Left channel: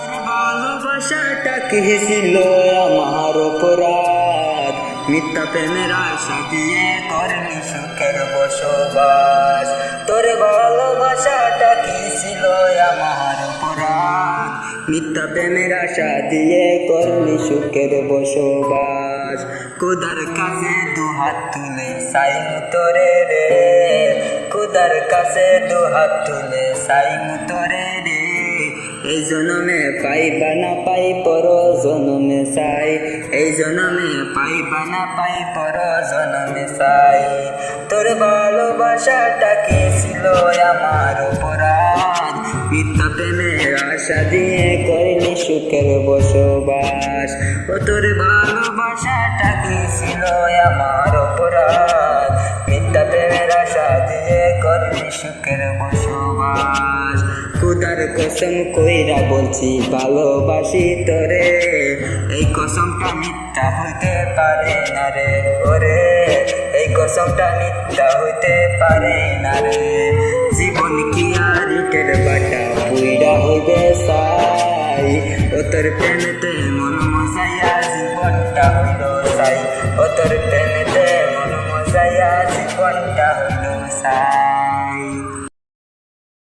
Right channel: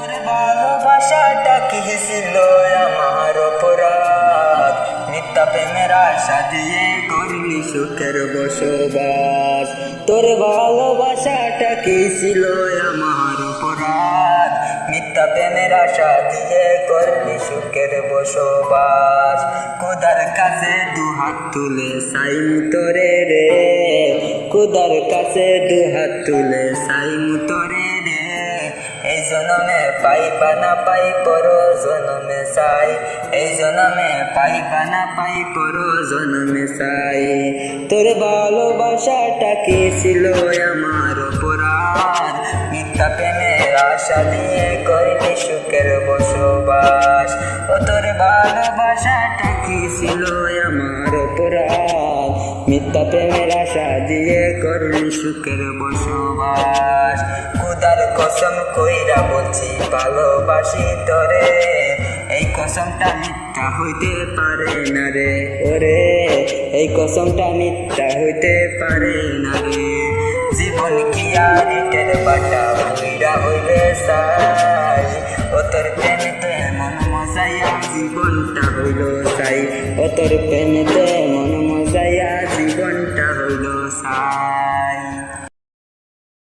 তোর ভালোবাসাটা কি ছিল আমার অপরাধ, মিথ্যা প্রেমের আশা দিয়ে করলি সুখের বসবাস। তোর ভালোবাসাটা কি ছিল আমার অপরাধ, মিথ্যা প্রেমের আশা দিয়ে করলি সুখের বসবাস। খোদার কাছে দুহাত তুলে চাইমু তোরে রে, খোদার কাছে দুহাত তুলে চাইমু তোরে রে। এই জনমে পাইবা না পাই পর জনমে চাই, এই জনমে পাইবা না পাই পর জনমে চাই। তোর ভালোবাসাটা কি ছিল আমার অপরাধ, মিথ্যা প্রেমের আশা দিয়ে করলি সুখের বসবাস। ও তোর ভালোবাসাটা কি ছিল আমার অপরাধ, মিথ্যা প্রেমের আশা দিয়ে করলি সুখের বসবাস। খোদার কসম কইরা বলছি ভালোবাসি তোরে, এই কসমটা মিথ্যা হইতে পারে না রে ওরে, এই কসমটা মিথ্যা হইতে পারে না রে। জীবন কি আর ইটের বাটা পুইরা হইবে চাই, ও তোর প্রেমেতে মন মজাইয়া জীবনটা হইল চাই, ও তোর প্রেমেতে মন মজাইয়া জীবনটা হইল চাই।